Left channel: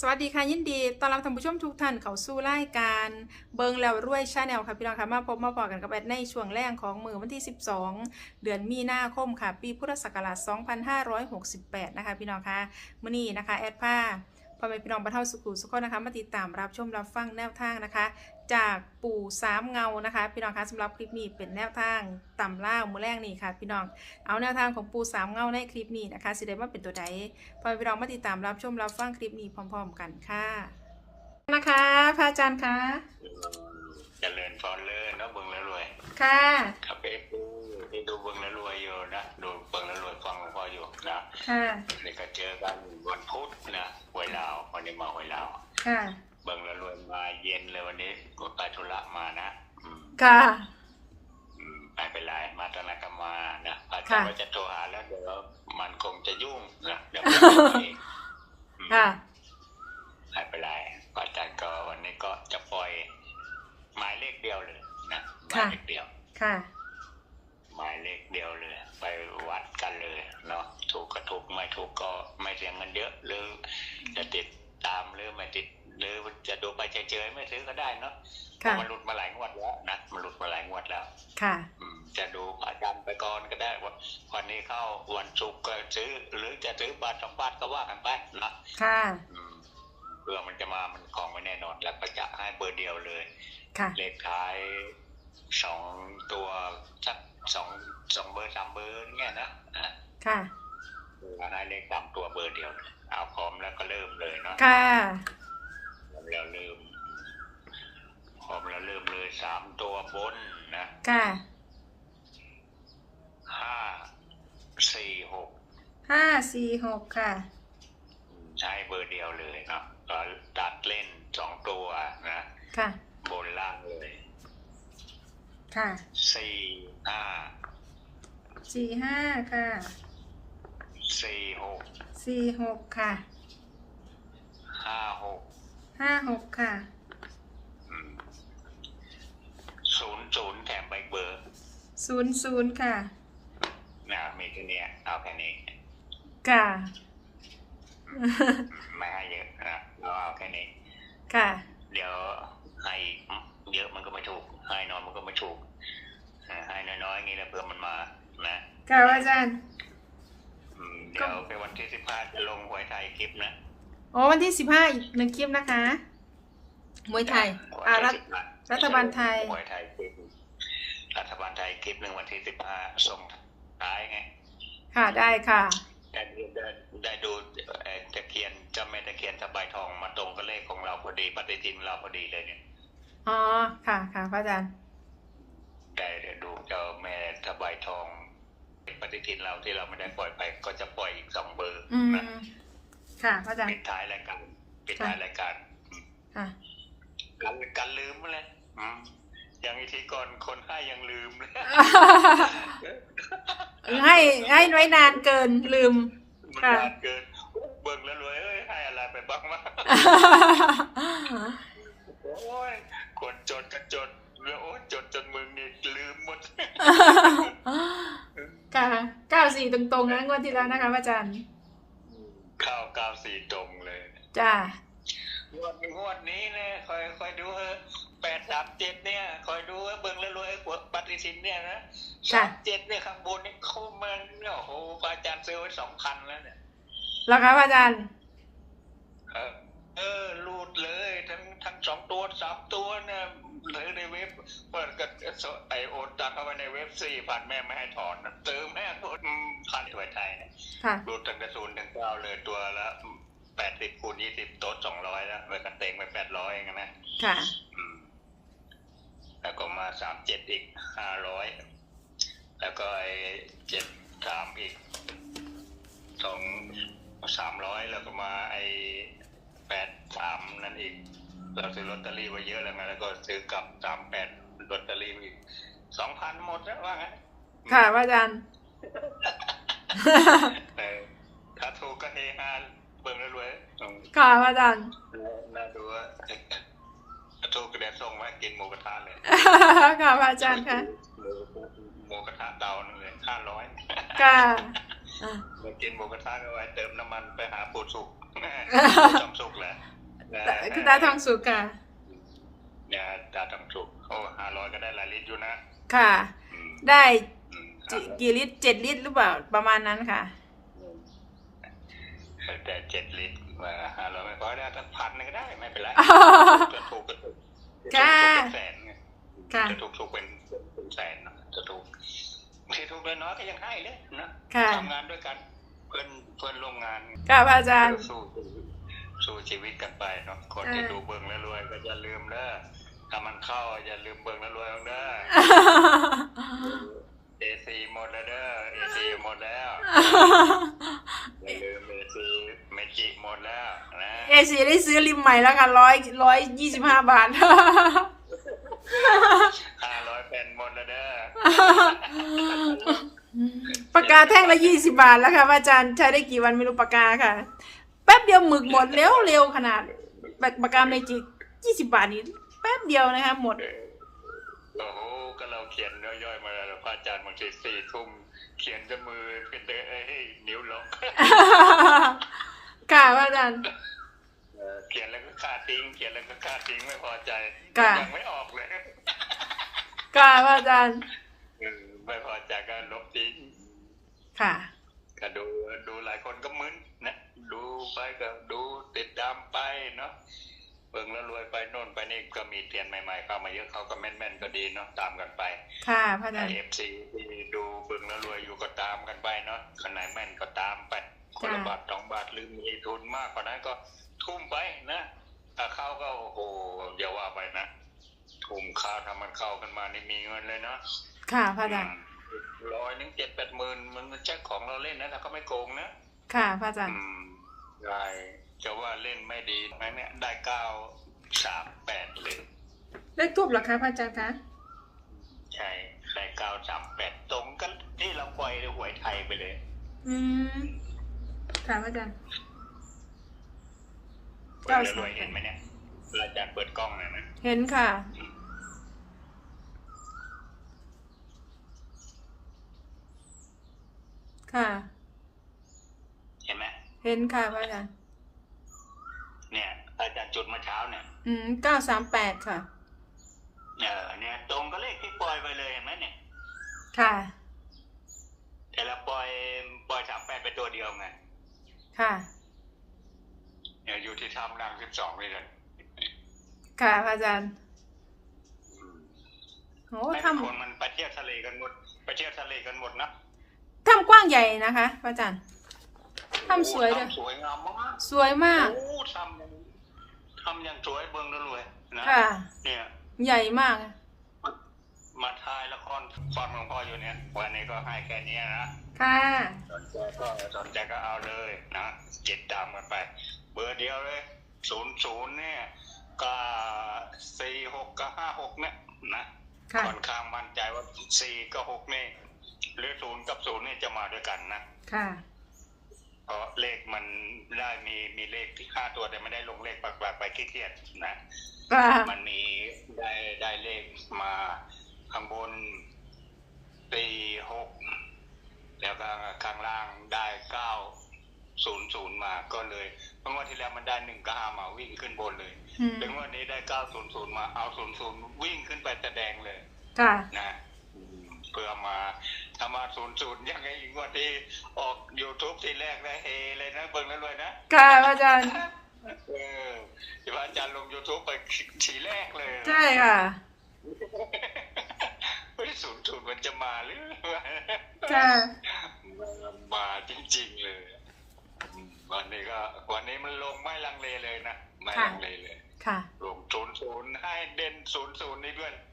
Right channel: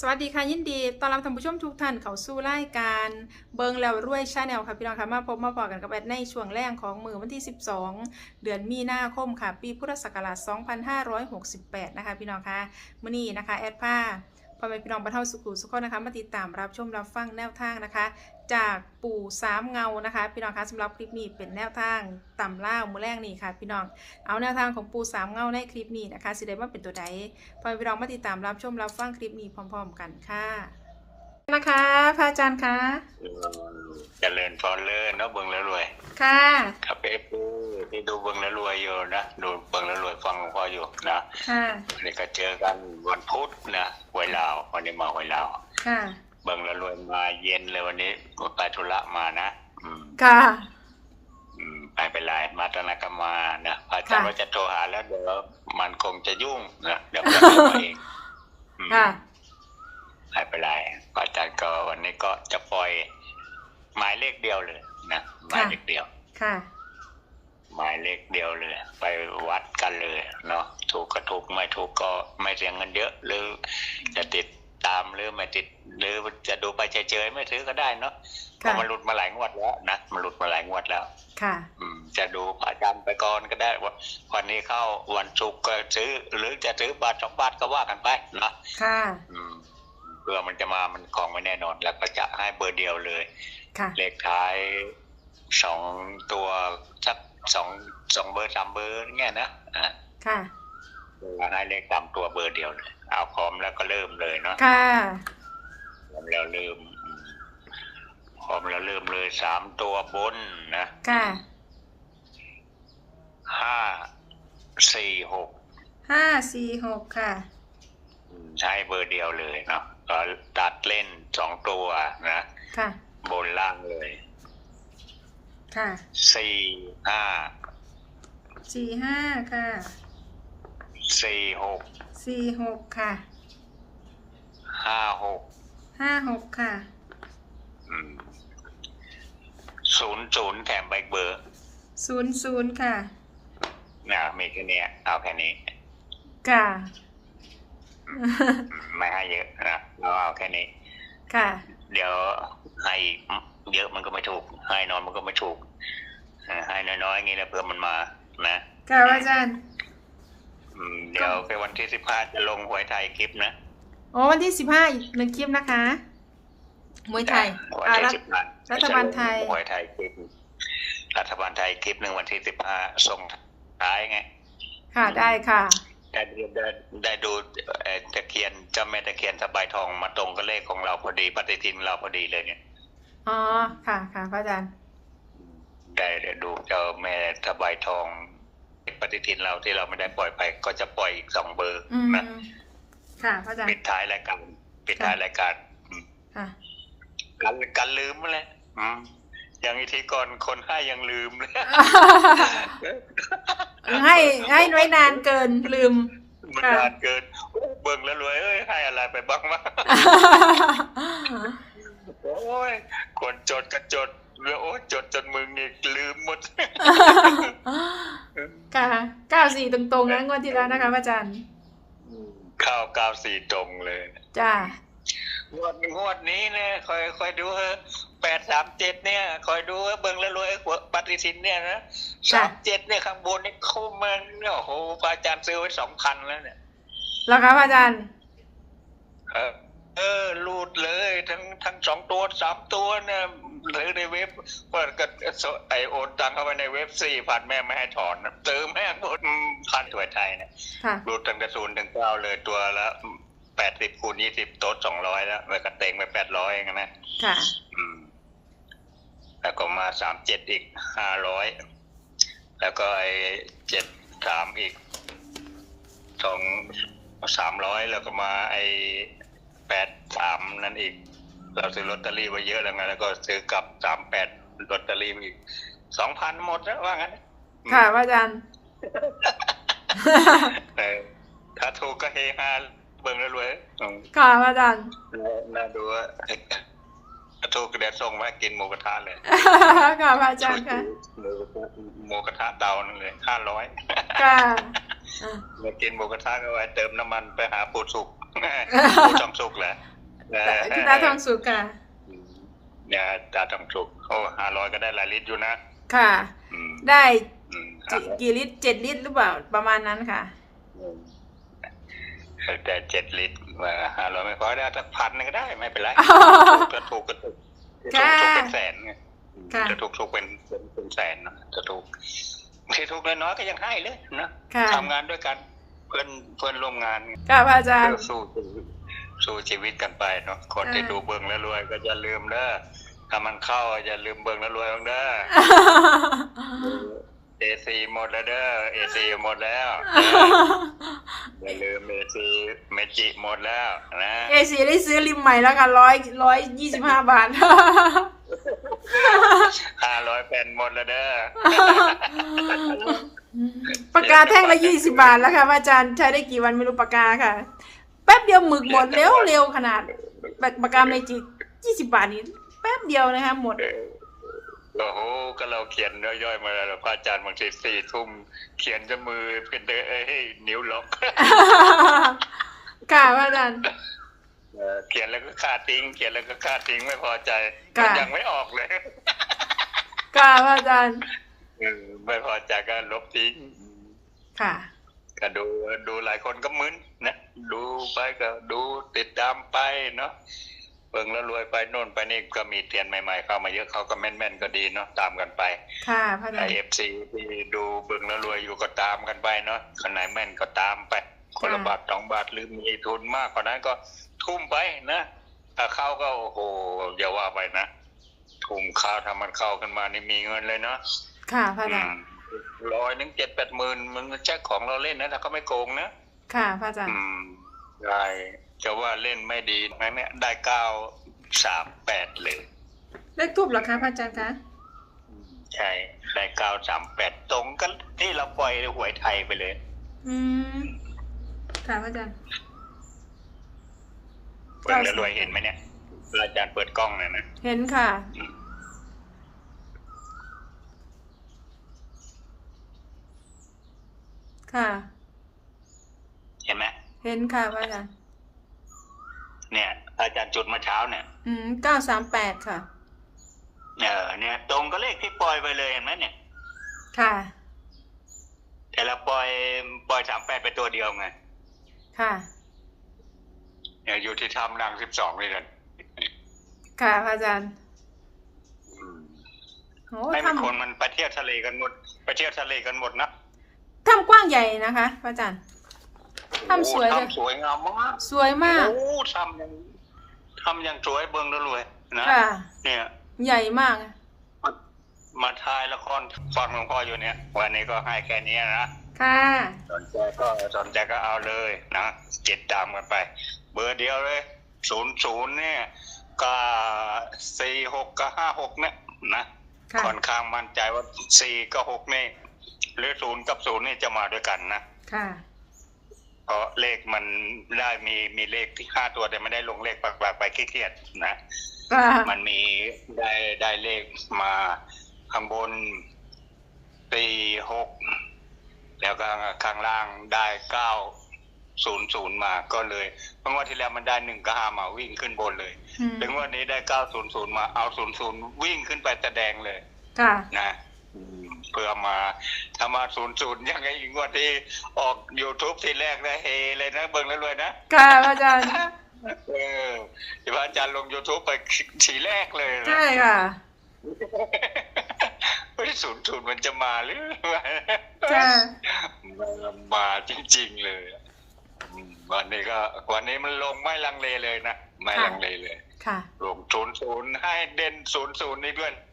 สวัสดีค่ะยินดีต้อนรับท่านผู้ชมทุกท่านเข้าสู่รายการเบิงแล้วรวยชาแนลค่ะพี่น้องค่ะมาพบมาพอกันกับแอดในช่วงแรกของมือวันที่ 12 เดือนมีนาคมค่ะ ปีพุทธศักราช 2568 นะคะพี่น้องค่ะมื่อนี้นะคะแอดผ้า พ่อแม่พี่น้องบรรเทาสุขุสุขคนนะคะ มาติดตามรับชมรับฟังแนวทางนะคะ จากปู่สามเงานะคะพี่น้องคะสำหรับคลิปนี้เป็นแนวทางต่ำล่าวมือแรกนี่ค่ะ พี่น้องเอาแนวทางของปู่สามเงาในคลิปนี้นะคะสิได้ว่าเป็นตัวใดพอพี่น้องมาติดตามรับชมรับฟังคลิปนี้พร้อม ๆ กันค่ะนะคะพระอาจารย์คะเจริญพรเลยเนาะเบิ่งแล้วรวยค่ะ ครับเอฟที่ดู เบิ่งแล้วรวยอยู่นะดูเบิ่งแล้วรวยฟังหลวงพ่ออยู่นะค่ะวันนี้ก็เจอกันวันพุธนะหวยลาววันนี้มาหวยลาวค่ะเบิ่งแล้วรวยมาเย็นเลยวันนี้ไปธุระมานะอืมค่ะอืมไปเป็นไรมาตอนนั้นก็มานะพระอาจารย์ว่าจะโทรหาแล้วเดี๋ยวมันคงจะยุ่งนะเดี๋ยวผมจะเองอืมค่ะไม่เป็นไรพระอาจารย์ก็วันนี้ก็จะปล่อยหมายเลขเดียวเลยนะหมายเลขเดียวค่ะ หมายเลขเดียวเลย ไปวัดกันเลยเนาะถูกก็ถูกไม่ถูกก็ไม่เสียเงินเยอะหรือจะติดตามหรือไม่ติดหรือจะดูไปเฉยๆไม่ซื้อก็ได้เนาะเพค่ะราะมันหลุดมาหลายงวดแล้วนะมันหลุดมาหลายงวดแล้ว ค่ะอืมจะดูพระอาจารย์ไปก่อนก็ได้ว่าวันนี้เข้าวันศุกร์ก็ซื้อ หรือจะซื้อบาทสองบาทก็ว่ากันไปนะค่ะอืมเพื่อมันจะมามันของไม่แน่นอน แล้วก็จะให้เบอร์เดียวเลยค่ะเลขท้ายสองตัวสัก สองสองเบอร์สามเบอร์เงี้ยนะอ่าค่ะให้เลขสามตัวเบอร์เดียวเลยเอาพร้อมแล้วก็เริ่มเลยเนาะค่ะพร้อมแล้วเริ่มพร้อมแล้วเริ่มเลยสามตัวบนนะค่ะห้าสี่หกห้าสี่หกค่ะอืมใช้เบอร์เดียวเลยเนาะก็ตัดเล่นสองตัวนะ ค่ะ บนล่างเลย ค่ะสี่ห้าสี่ห้าค่ะสี่หกสี่หกค่ะห้าหกห้าหกค่ะศูนย์ศูนย์แถมใบเบอร์ศูนย์ศูนย์ค่ะนะมีแค่เนี้ยเอาแค่นี้ค่ะอืมไม่ให้เยอะนะเราเอาแค่นี้ ค่ะ เดี๋ยวให้ เยอะมันก็ไม่ถูกให้น้อยมันก็ไม่ถูกเออให้น้อยๆอย่างนี้แล้วเพื่อมันมานะค่ะพระอาจารย์อืมเดี๋ยวไปวันที่สิบห้าจะลงหวยไทยคลิปนะโอ้วันที่สิบห้าอีกหนึ่งคลิปนะคะมวยไทยวันอ่าที่รัฐ15รัฐบาลไทยจะลงหวยไทยคลิปรัฐบาลไทยคลิปหนึ่งวันที่สิบห้าส่งท้ายไง ค่ะได้ค่ะได้ดูได้ได้ดูเอ่อตะเคียนเจ้าแม่ตะเคียนสบายทองมาตรงกับเลขของเราพอดีปฏิทินเราพอดีเลยเนี่ย อ๋อ ค่ะค่ะพระอาจารย์ ได้ได้ดูเจ้าแม่สบายทองปฏิทินเราที่เราไม่ได้ปล่อยไป ก็จะปล่อยอีกสองเบอร์อืมนะค่ะพระอาจารปิย์ดท้ายรายการปิดท้ายรายการอืมค่ะกันกันลืมเลยอืมอย่างอีทีก่อนคนให้ยังลืมเลยให้ให้น้อยนานเกินลืมมันค่ะนานเกินเบิ่งแล้วรวยเอ้ยให้อะไรไปบ้างวะ โอ้ยคนจดก็จดแล้วโอ้ยจดจนมึงนี่ลืมหมด ค่ะเก้าสี่ตรงๆนะงวดที่แล้วนะคะพระอาจารย์ข้าวกาวสีตรงเลย จ้างวดงวดนี้เนี่ยคอยคอยดูเถอะแปดสามเจ็ดเนี่ย คอยดูเถอะเบิ่งแล้วรวยไอ้หัวปฏิทินเนี่ยนะสามเจ็ดเนี่ยข้างบนเนี่ยเข้ามาเนี่ยโอ้โหพระอาจารย์ซื้อไว้สองพันแล้วเนี่ยแล้วคะพระอาจารย์ เออเออรูดเลย ทั้งทั้งสองตัวสามตัวเนี่ยหรือในเว็บเปิดก็ไอโอนตังเข้าไปในเว็บสี่พันแม่ไม่ให้ถอนนะเติมแม่งโอนพันตัวไทยเนี่ยค่ะรูดตั้งแต่ศูนย์ถึงเก้าเลยตัวละแปดสิบคูณยี่สิบโต๊ะสองร้อยแล้วแล้วก็เต็งไปแปดร้อยเองนะค่ะอืมแล้วก็มาสามเจ็ดอีกห้าร้อยแล้วก็ไอเจ็ดสามอีกสองสามร้อยแล้วก็มาไอแปดสามนั่นอีก เราซื้อลอตเตอรี่ไว้เยอะแล้วไงแล้วก็ซื้อกลับสามแปดลอตเตอรี่มาอีกสองพันหมดแล้วว่างั้นค่ะพระอาจารย์เออถ้าถูกก็เฮฮาเบิ่งแล้วรวยอืมค่ะพระอาจารย์น่าดูว่าถ้าถูกก็เดี๋ยวส่งมาให้กินหมูกระทะเลยค่ะพระอาจารย์ค่ะหมูกระทะเตานั่นเลยห้าร้อยค่ะอะมากินหมูกระทะก็ไว้เติมน้ำมันไปหาปูสุกทองสุกเหรอ เคุณตาทองสุกค่ะเนี่ยตาทองสุกโอ้ห้าร้อยก็ได้หลายลิตรอยู่นะ ค่ะอืมได้อืมกี่กี่ลิตรเจ็ดลิตรหรือเปล่าประมาณนั้นค่ะแต่เจ็ดลิตรว่าห้าร้อยไม่พอได้สักพันหนึงก็ได้ไม่เป็นไรอ๋อจะถูกก็ถูกค่ะจะถูกเป็นแสนไงค่ะจะถูกถูกเป็นเป็นเป็นแสนนะจะถูกที่ถูกน้อยๆก็ยังให้เลยนะค่ะทำงานด้วยกันเพื่อนเพื่อนร่วมงานค่ะพระอาจารย์สู้ชีวิต สู้ชีวิตกันไปเนาะคนอ่าที่ดูเบิ่งแล้วรวย ก็อย่าลืมเด้อถ้ามันเข้าอย่าลืมเบิ่งแล้วรวยบ้างเด้อเอซีหมดแล้วเด้อเอซีหมดแล้วอย่าลืมเอซีเมจิหมดแล้วนะเอซีได้ซื้อริมใหม่แล้วค่ะร้อยร้อยยี่สิบห้าบาทห้าร้อยแผ่นหมดแล้วเด้อปากกาแท่งละยี่สิบาทแล้วค่ะพระอาจารย์ใช้ได้กี่วันไม่รู้ปากกาค่ะแป๊บเดียวหมึกหมดเร็วเร็วขนาดปากปากกาเมจิยี่สิบาทนี่แป๊บเดียวนะคะหมดโอ้โหก็เราเขียนย่อยๆมาแล้วพระอาจารย์บางทีสี่ทุ่มเขียนจะมือเป็นเดอเอ้ยนิ้วล็อกค่ะพระอาจารย์เออเขียนแล้วก็ฆ่าทิ้งเขียนแล้วก็ฆ่าทิ้งไม่พอใจค่ะยังไม่ออกเลยค่ะพระอาจารย์เออไม่พอใจก็ลบทิ้งค่ะก็ดูดูหลายคนก็มึน นะดูไปก็ดูติดตามไปเนาะเบิ่งแล้วรวยไปโน่นไปนี่ก็มีเตียนใหม่ ๆ เข้ามาเยอะเขาก็แม่นๆก็ดีเนาะตามกันไป ค่ะพระอาจารย์เอฟซีที่ดูเบิ่งแล้วรวยอยู่ก็ตามกันไปเนาะคนไหนแม่นก็ตามไปคนละค่ะบาทสองบาทหรือมีทุนมากกว่านั้นก็ทุ่มไปนะถ้าเข้าก็โอ้โหอย่าว่าไปนะทุ่มข้าวทำมันเข้ากันมานี่มีเงินเลยเนาะค่ะพระอาจารย์ร้อยหนึ่งเจ็ดแปดหมื่นมันใช่ของเราเล่นนะถ้าเขาไม่โกงนะ ค่ะพระอาจารย์อืมได้จะว่าเล่นไม่ดีไหมเนี่ยได้เก้าสามแปดเลยเลขทูบเหรอคะพระอาจารย์คะใช่ได้เก้าสามแปดตรงกันที่เราปล่อยหวยไทยไปเลย อืมค่ะพระอาจารย์เปิดแล้วรวยเห็นไหมเนี่ยอาจารย์เปิดกล้องหน่อยนะเห็นค่ะค่ะเห็นไหม เห็นค่ะพระอาจารย์เนี่ย อาจารย์จุดเมาเช้าเนี่ย อืมเก้าสามแปดค่ะ เออเนี่ย ตรงก็เลขที่ปล่อยไปเลยเห็นไหมเนี่ย ค่ะ แต่เราปล่อยปล่อยสามแปดไปตัวเดียวไง ค่ะเนี่ยอยู่ที่ทำนางสิบสองเลยนะค่ะพระอาจารย์โอ้ไม่ทมีคนมันไปเที่ยวทะเลกันหมด ไปเที่ยวทะเลกันหมดนะำทำกว้างใหญ่นะคะพระอาจารย์ ทำสวยโอ้จ้ะทำสวยงามมากสวยมากโอ้ทำอย่างทำอย่างสวยเบิ้งแล้วรวยนะค่ะ เนี่ยใหญ่มากมาถ่ายละครฟังหลวงพ่ออยู่เนี่ย วันนี้ก็ให้แค่นี้นะค่ะสนใจก็สนใจก็เอาเลยนะติดตามกันไป เบอร์เดียวเลยศูนย์ศูนย์เนี่ยก็สี่หกก็ห้าหกเนี่ยนะค่ะค่อนข้างมั่นใจว่าสี่กับหกนี่หรือศูนย์กับศูนย์นี่จะมาด้วยกันนะค่ะ เพราะเลขมันได้มีมีเลขที่ห้าตัวแต่ไม่ได้ลงเลขปากๆไปขี้เกียจนะค่ะมันมีได้ได้เลขมาข้างบนสี่หกแล้วก็ข้างล่างได้เก้าศูนย์ศูนย์มาก็เลยเมื่อวันที่แล้วมันได้หนึ่งก็ห้ามาวิ่งขึ้นบนเลยอืมถึงวันนี้ได้เก้าศูนย์ศูนย์มาเอาศูนย์ศูนย์วิ่งขึ้นไปแสดงเลยค่ะนะอืมเพื่อมาถ้ามาศูนย์ศูนย์ยังไงอีกวันที่ออก YouTube ทีแรกนะเฮเลยนะเบิ่งแล้วรวยนะ ค่ะพระอาจารย์ เออที่พระอาจารย์ลง YouTube ไปทีแรกเลยนะใช่ค่ะ ไม่ได้ศูนย์ศูนย์มันจะมาหรือค่ะมาจริงๆเลยอืมวันนี้ก็วันนี้มันลงไม่ลังเลเลยนะ ไม่ค่ะ ลังเลเลย ค่ะ ลงศูนย์ศูนย์ให้เด่นศูนย์ศูนย์นี่ด้วยให้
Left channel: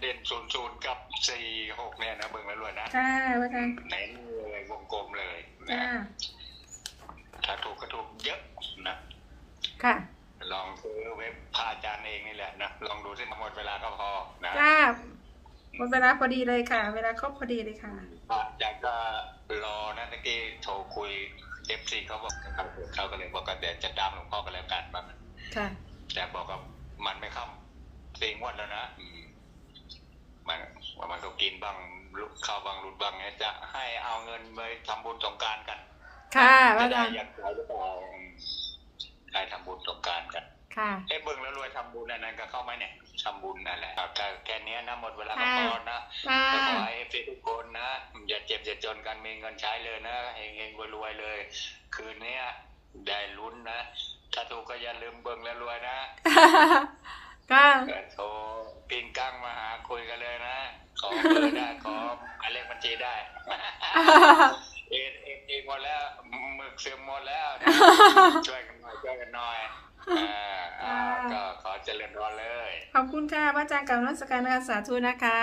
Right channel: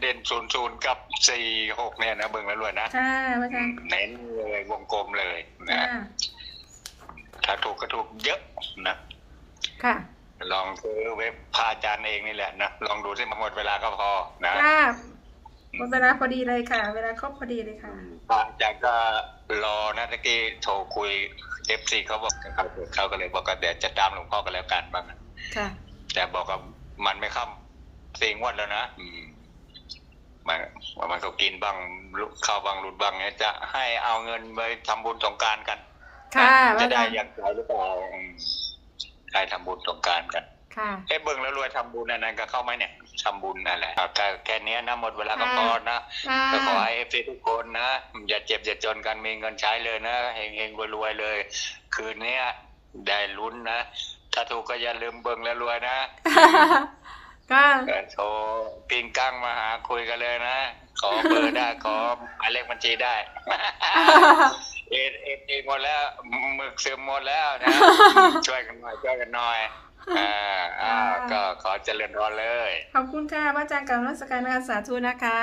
เด่นศูนย์ศูนย์กับสี่หกเนี่ยนะเบิ่งแล้วรวยนะค่ะพระอาจารย์เน้นเลยวงกลมเลยนะค่ะถ้าถูกก็ถูกเยอะนะค่ะ ลองซื้อเว็บพาอาจารย์เองนี่แหละนะลองดูสิหมดเวลาก็พอนะค่ะหมดเวลาพอดีเลยค่ะ เวลาครบพอดีเลยค่ะพระอาจารย์ก็รอนะตะกี้โทรคุยเอฟซีเขาบอกเขาเขาก็เลยบอกว่าเดี๋ยวจะตามหลวงพ่อกันแล้วกันบ้างค่ะ แต่บอกว่ามันไม่ค่ำสี่งวดแล้วนะอืม มันมันก็กินบ้างเข้าบ้างหลุดบ้างเนี่ยจะให้เอาเงินไปทำบุญสงกรารกัน ค่ะจะว่าได้จังอยากใจหรือเปล่าอืมใครทำบุญสงกรารกัน ค่ะเอ้เบิ่งแล้วรวยทำบุญอันนั้นก็เข้าไหมเนี่ยทำบุญนั่นแหละอะก็แค่เนี้ยนะหมดเวลาก็ค่ะพอนะค่ะก็ขอให้เอฟซีทุกคนนะ อย่าเจ็บอย่าจนกันมีเงินใช้เลยนะเฮงเฮงรวยๆเลย คืนเนี้ยได้ลุ้นนะ ถ้าถูกก็อย่าลืมเบิ่งแล้วรวยนะ ก็ก็โทรปิงกั้งมาหาคุยกันเลยนะ ขอเบอร์ได้ขอหมายเลขบัญชีได้ เอ็ดเอ็ดเอ็ดหมดแล้วหมึกซึมหมดแล้วนะช่วยกันหน่อยช่วยกันหน่อยอ่าอ่าก็ขอเจริญพรเลย ขอบคุณค่ะว่าจางกับรัศการนะคะสาธุนะคะ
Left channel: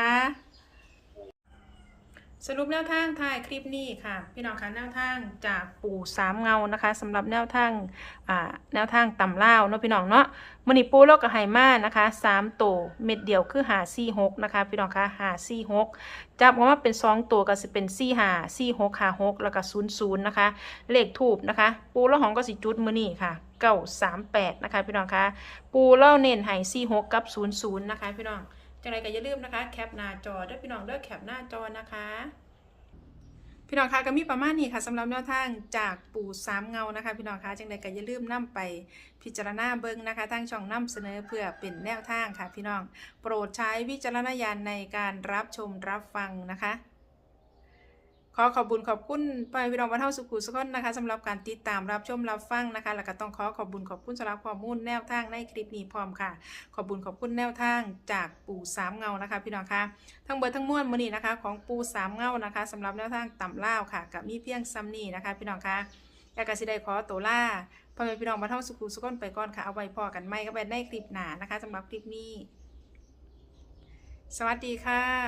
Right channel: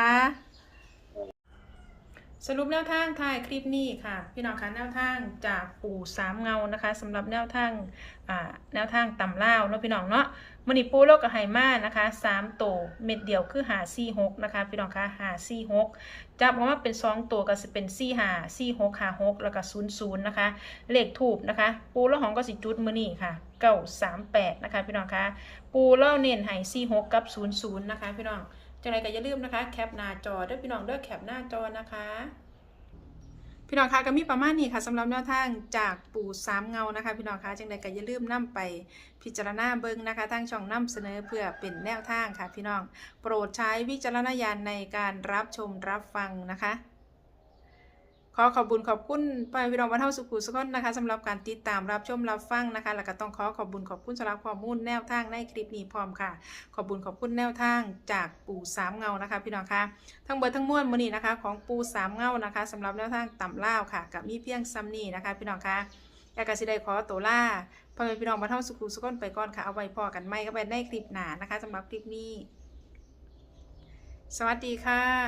สรุปแนวทางท้ายคลิปนี้ค่ะ พี่น้องคะแนวทางจากปู่สามเงานะคะสำหรับแนวทางอ่าแนวทางต่ำเล่าเนาะพี่น้องเนาะมือนิปูโลกกับไฮมานะคะสามตัวเม็ดเดียวคือหาซี่หกนะคะพี่น้องคะหาซี่หกจับมาว่าเป็นสองตัวก็จะเป็นซี่หาซี่หกหาหกแล้วก็ศูนย์ศูนย์นะคะ เลขถูกนะคะ ปูแล้วหองก็สิจุดมือนี่ค่ะเก้าสามแปดนะคะพี่น้องคะปูเล่าเน้นให้สี่หกกับศูนย์ศูนย์นะคะพี่น้อง จังไรก็อย่าลืมนะคะแคปหน้าจอเด้อพี่น้องเด้อแคปหน้าจอนะคะ พี่น้องคะก็มีประมาณนี้ค่ะสำหรับแนวทางจากปู่สามเงานะคะ พี่น้องคะจังไรก็อย่าลืมนํไปพิจารณาเบิ้งนะคะทางช่องนํเสนอเพื่อเป็นแนวทางค่ะ พี่น้องโปรดใช้วิจารณญาณในการรับชมรับฟังนะคะ ขอขอบคุญขอบคุณไปพี่น้องวันเท่าสุขุสุขนนะคะสำหรับการติดตามรับชมรับฟังนะคะแล้วก็ต้องขอขอบคุญขอบคุณสำหรับข้อมูลแนวทางในคลิปนี้พร้อมค่ะ ขอบคุญขอบคุณแนวทางจากปู่สามเงานะคะ พี่น้องคะทั้งเบิดทั้งมวลมือนี้นะคะ ของปู่สามเงานะคะสำหรับแนวทางต่ำล่าค่ะ กับมีเพียงซัมนี่นะคะ พี่น้องคะอยากกสิได้ขอตัวล่าพ่อแม่พี่น้องมาเท่าสุขุสุขนไปก่อนค่ะเอาไว้พอกันไม่ก็ไปในคลิปหน้านะคะสำหรับคลิปนี้ สวัสดีค่ะ